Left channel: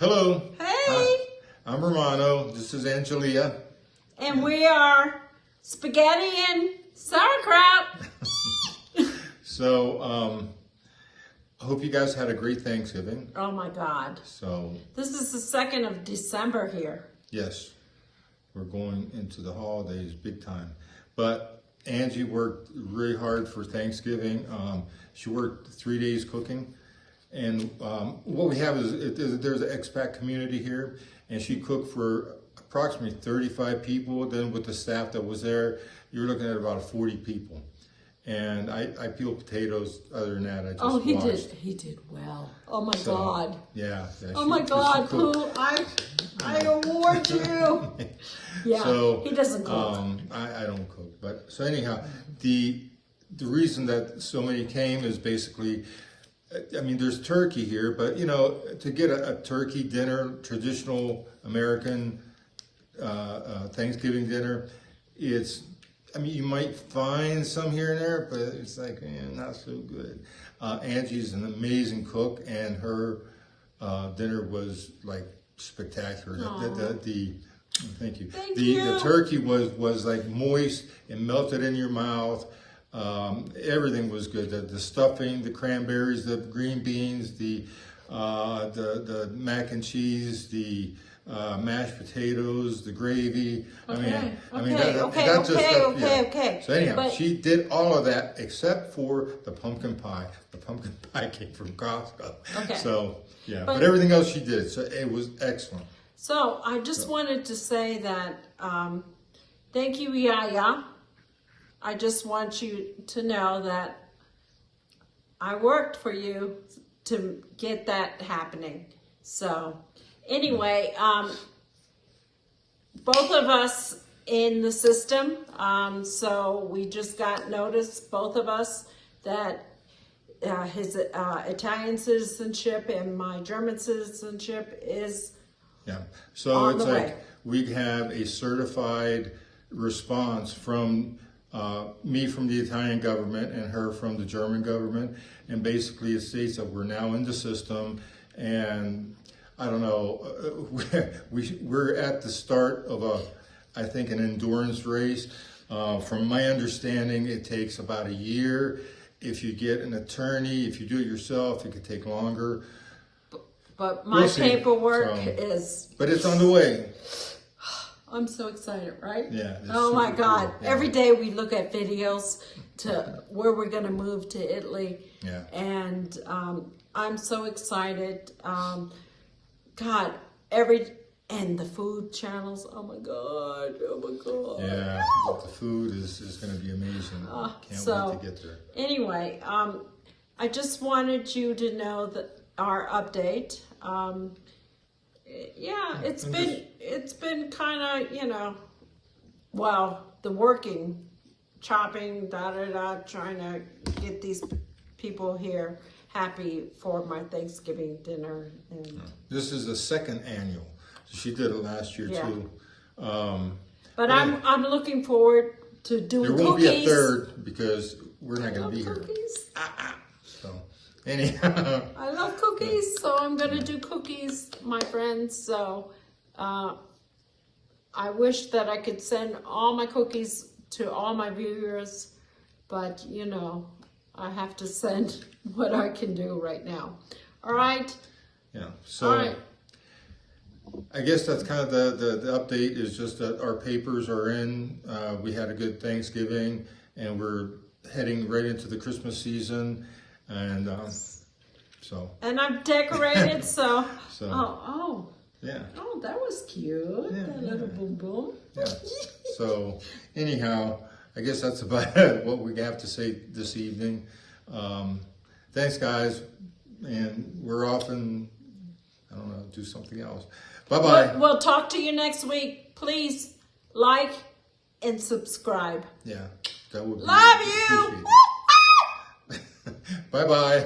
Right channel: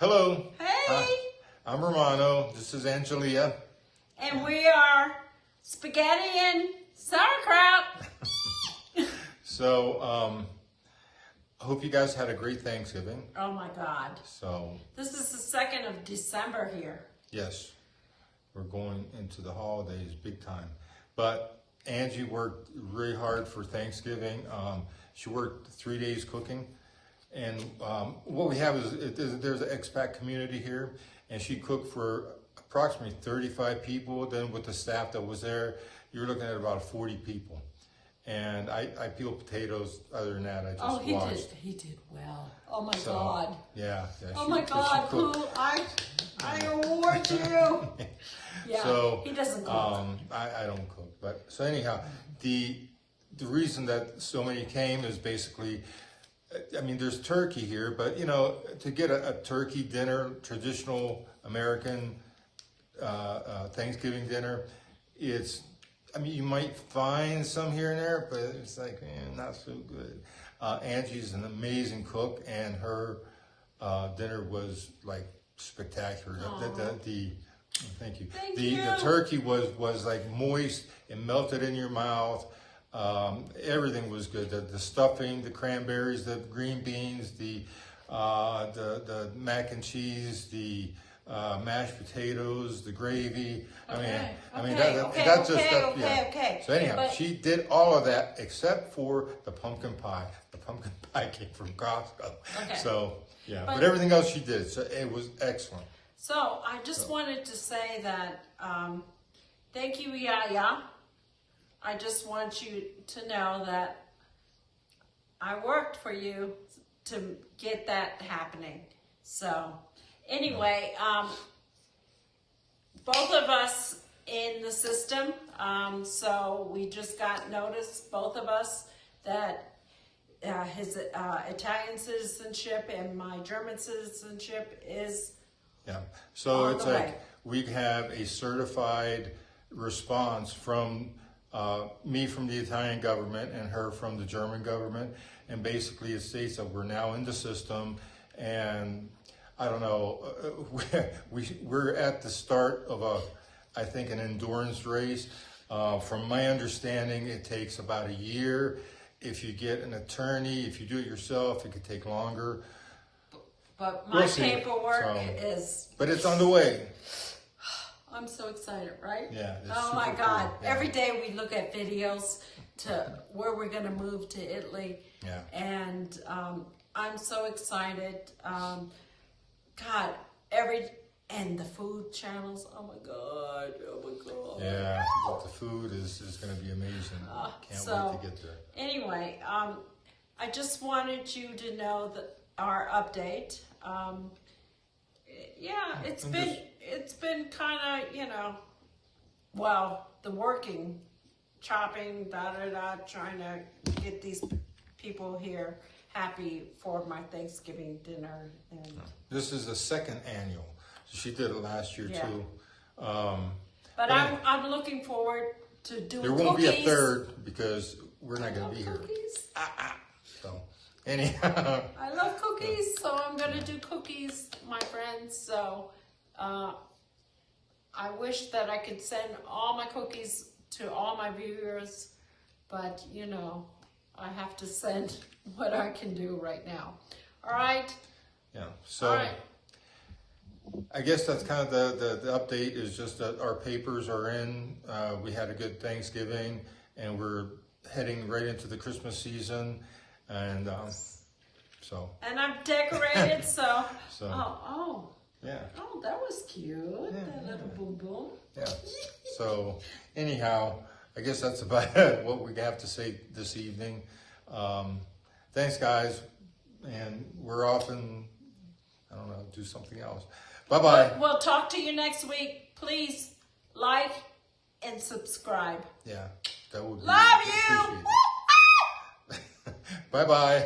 Hello. Hey. Hi. I'm Romano. This is Angelia. And we are spaghetti and sauerkraut. So, I hope you guys had a great Thanksgiving. Oh my God. So, this is the 2nd of December here. yes, we're going into the holidays big time. But Angie worked really hard for Thanksgiving. She worked 3 days cooking. And what we have is there's an expat community here, and she cooked for approximately 35 people. Then with the staff that was there, you're looking at about 40 people. And I peel potatoes. Other than that, I just watched. He did well. Oh my God. Yeah. Oh my God, Pooh, I award you. Yeah, so, he doesn't cook. I don't cook. But so anyhow, the reason that so many came is basically, I mean, there's turkey here, but you know, to get a turkey dinner, traditional American Thanksgiving dinner, I mean, you might find some here and there, but it's like, not so good. Angie's an amazing cook, and her dinner was like spectacular. Thank you. The turkey was like moist and melted in your mouth. Everything was good. The stuffing, the cranberries, the green beans, the mac and cheese, the mashed potatoes, the gravy. Okay. So anyhow, she did all of that except for the pumpkin pie. The pumpkin pie came from Costco. Okay. So yeah, but everything else she did. So it was excellent. So I just wanted to say that thank you, Yaya. I just want you to know that I worked for you to get that happening. So anyway, both of us in the system, so we just got notice, both of us, that his Italian citizenship and my German citizenship is so it's like we have a certified response from me from the Italian government and her from the German government, and basically it states that we're now in the system. And I don't know, we're at the start of I think an endurance race. From my understanding, it takes about a year. If you get an attorney, if you do it yourself, it could take longer. But my paperwork is... But it's on the way. I'm so excited, right? Yeah. Oh my God. Cool. Yeah. Every day we look at videos to where we're going to move to Italy. Yeah. And I'm so excited. God, and the food channels. Oh my God. Oh my God. Yeah. The food is going to be amazing. Can't wait to get there. Anyway, I just wanted you to know that our update. Yeah, it's been kind of, you know, well, the working, chopping, trying to get these people here happy for my Thanksgiving dinner. And this is the second annual. She did it last year too. But I'm looking forward to doing cookies. There won't be a third because we're not going to be here. So. Anyhow. I love cookies, so I'm going to do cookies, my friends. So I wish that I could send all my cookies to all my viewers, but you know, I have to send what I can do right now. All right? Yeah. So I guess that's kind of the update, is just that our papers are in. We had a good Thanksgiving, and we're heading right into the Christmas season. And and I'm decorated, so yeah. Oh, that was cute. That little boom boom. Yeah. So anyhow, I guess that's about what we have to say this evening. Thanks, guys, and we're off and I don't know, do something else. Bye-bye. We'll talk to you next week. Please like and subscribe. Yeah, that would be love you. Bye-bye.